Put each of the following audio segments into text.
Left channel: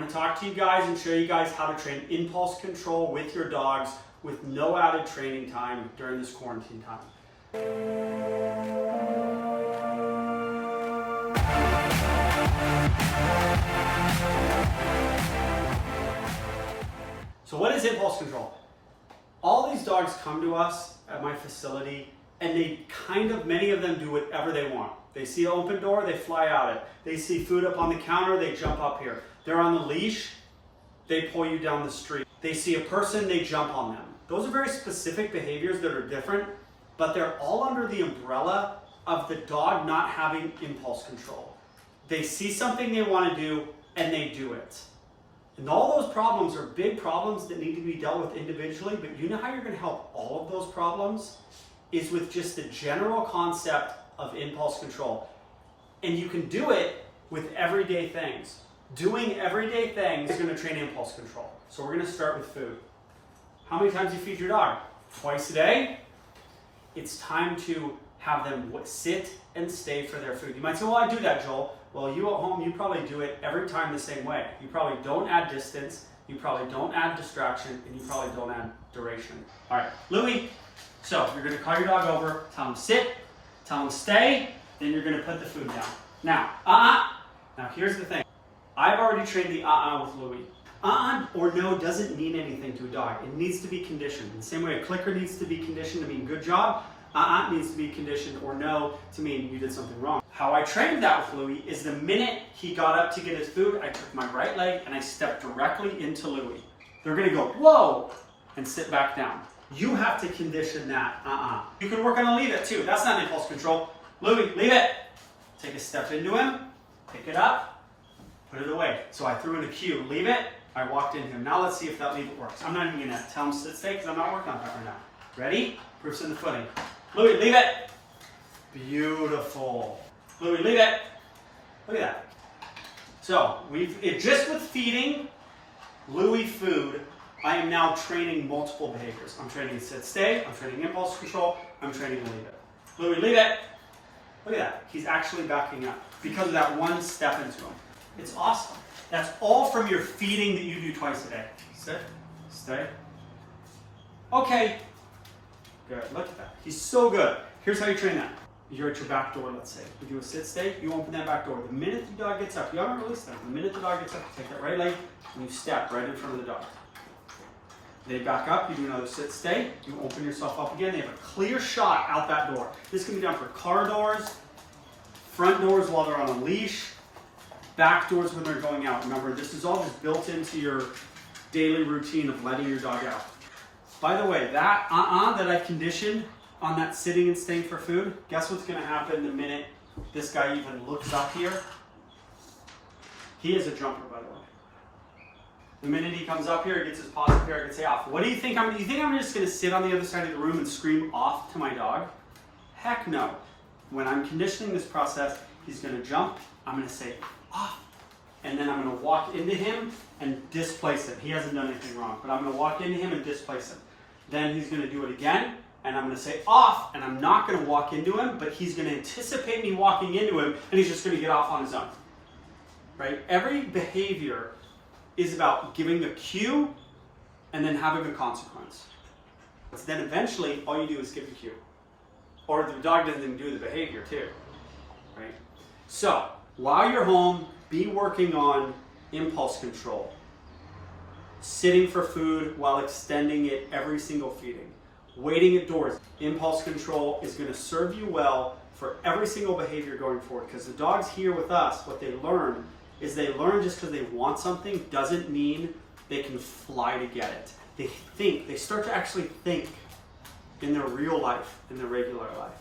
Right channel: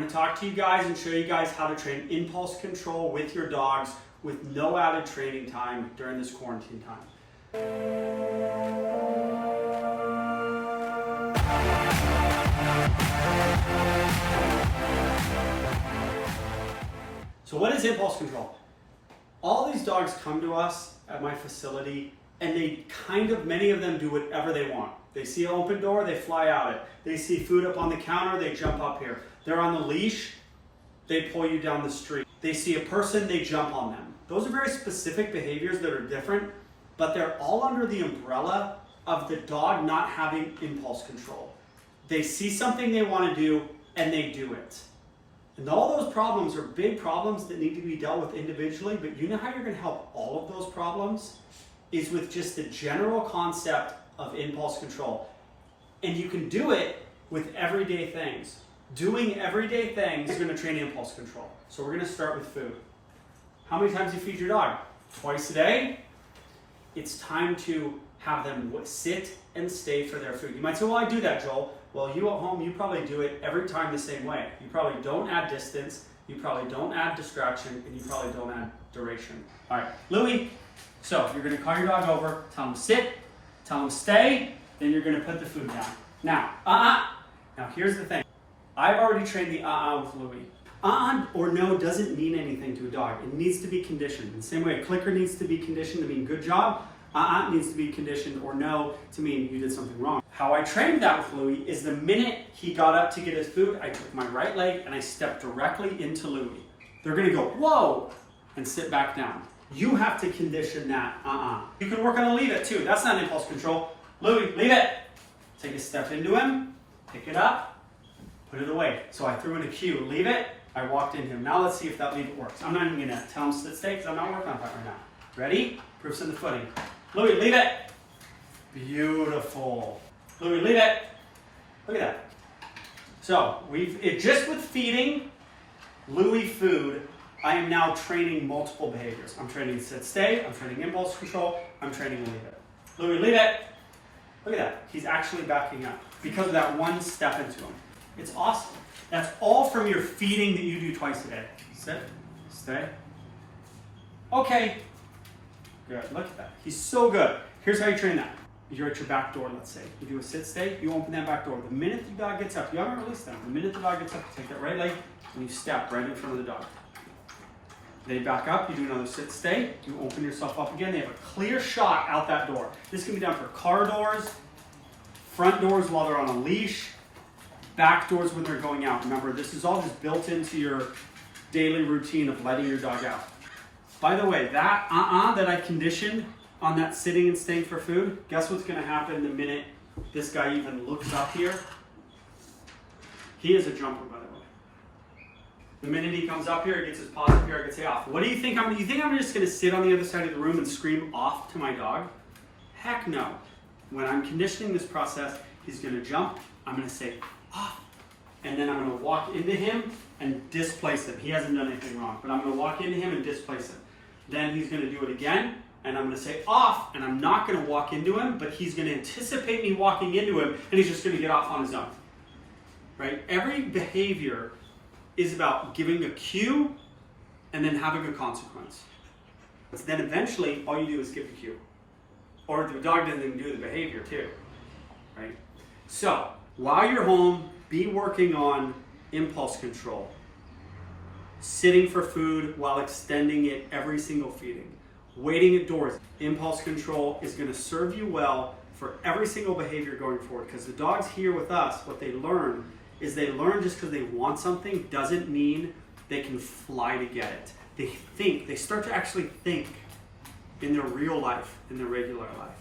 going to talk to you guys and show you guys how to train impulse control with your dogs with no added training time during this quarantine time. So what is impulse control? All these dogs come to us at my facility and many of them do whatever they want. They see an open door, they fly out it. They see food up on the counter, they jump up here. They're on the leash, they pull you down the street. They see a person, they jump on them. Those are very specific behaviors that are different, but they're all under the umbrella of the dog not having impulse control. They see something they want to do and they do it. And all those problems are big problems that need to be dealt with individually, but you know how you're going to help all of those problems? Is with just the general concept of impulse control. And you can do it with everyday things. Doing everyday things is going to train impulse control. So we're going to start with food. How many times do you feed your dog? Twice a day? It's time to have them sit and stay for their food. You might say, well, I do that, Joel. Well, you at home, you probably do it every time the same way. You probably don't add distance, you probably don't add distraction, and you probably don't add duration. All right, Louie, so you're gonna call your dog over, tell him sit, tell him stay, then you're gonna put the food down. Now, Now here's the thing. I've already trained the with Louie. Or no doesn't mean anything to a dog. It needs to be conditioned. In the same way a clicker needs to be conditioned to mean good job, needs to be conditioned or no to mean you did something wrong. How I trained that with Louie is the minute he got up to get his food, I took my right leg and I stepped directly into Louie. They're gonna go, whoa, and sit back down. You have to condition that, You can work on a leave it too. That's not impulse control. Louie, leave it. Take a step into him, pick it up, put it away. So I threw in a cue, leave it, I walked into him. Now let's see if that leave it works. I'm not even gonna tell him sit stay because I'm not working on that right now. Ready? Proof's in the footing. Louie, leave it. Beautiful. Louie, leave it. Look at that. So just with feeding Louie food, I am now training multiple behaviors. I'm training sit stay, I'm training impulse control, I'm training leave it. Louie, leave it. Look at that. He's actually backing up because of that one step into him. It's awesome. That's all from your feeding that you do twice a day. Sit, stay. Okay. Good, look at that. He's so good. Here's how you train that. You're at your back door, let's say. You do a sit stay, you open that back door. The minute the dog gets up, you haven't released them. The minute the dog gets up, you take that right leg and you step right in front of the dog. They back up, you do another sit stay, you open yourself up again. They have a clear shot out that door. This can be done for car doors, front doors while they're on a leash, back doors when they're going out. Remember, this is all just built into your daily routine of letting your dog out. By the way, that that I conditioned on that sitting and staying for food, guess what's gonna happen the minute this guy even looks up here? He is a jumper, by the way. The minute he comes up here, he gets his paws up here, I can say off. What do you think you think I'm just gonna sit on the other side of the room and scream off to my dog? Heck no. When I'm conditioning this process, he's gonna jump, I'm gonna say off. And then I'm gonna walk into him and displace him. He hasn't done anything wrong, but I'm gonna walk into him and displace him. Then he's gonna do it again, and I'm gonna say off, and I'm not gonna walk into him, but he's gonna anticipate me walking into him, and he's just gonna get off on his own. Right? Every behavior is about giving a cue and then having a consequence. So then eventually, all you do is give the cue. Or the dog doesn't even do the behavior too. Right? So, while you're home, be working on impulse control. Sitting for food while extending it every single feeding. Waiting at doors. Impulse control is going to serve you well for every single behavior going forward, because the dogs here with us, what they learn is they learn just because they want something doesn't mean they can fly to get it. They think, they start to actually think in their real life, in their regular life.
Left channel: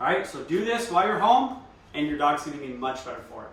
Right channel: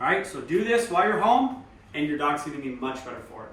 All right, so do this while you're home and your dog's going to be much better for it.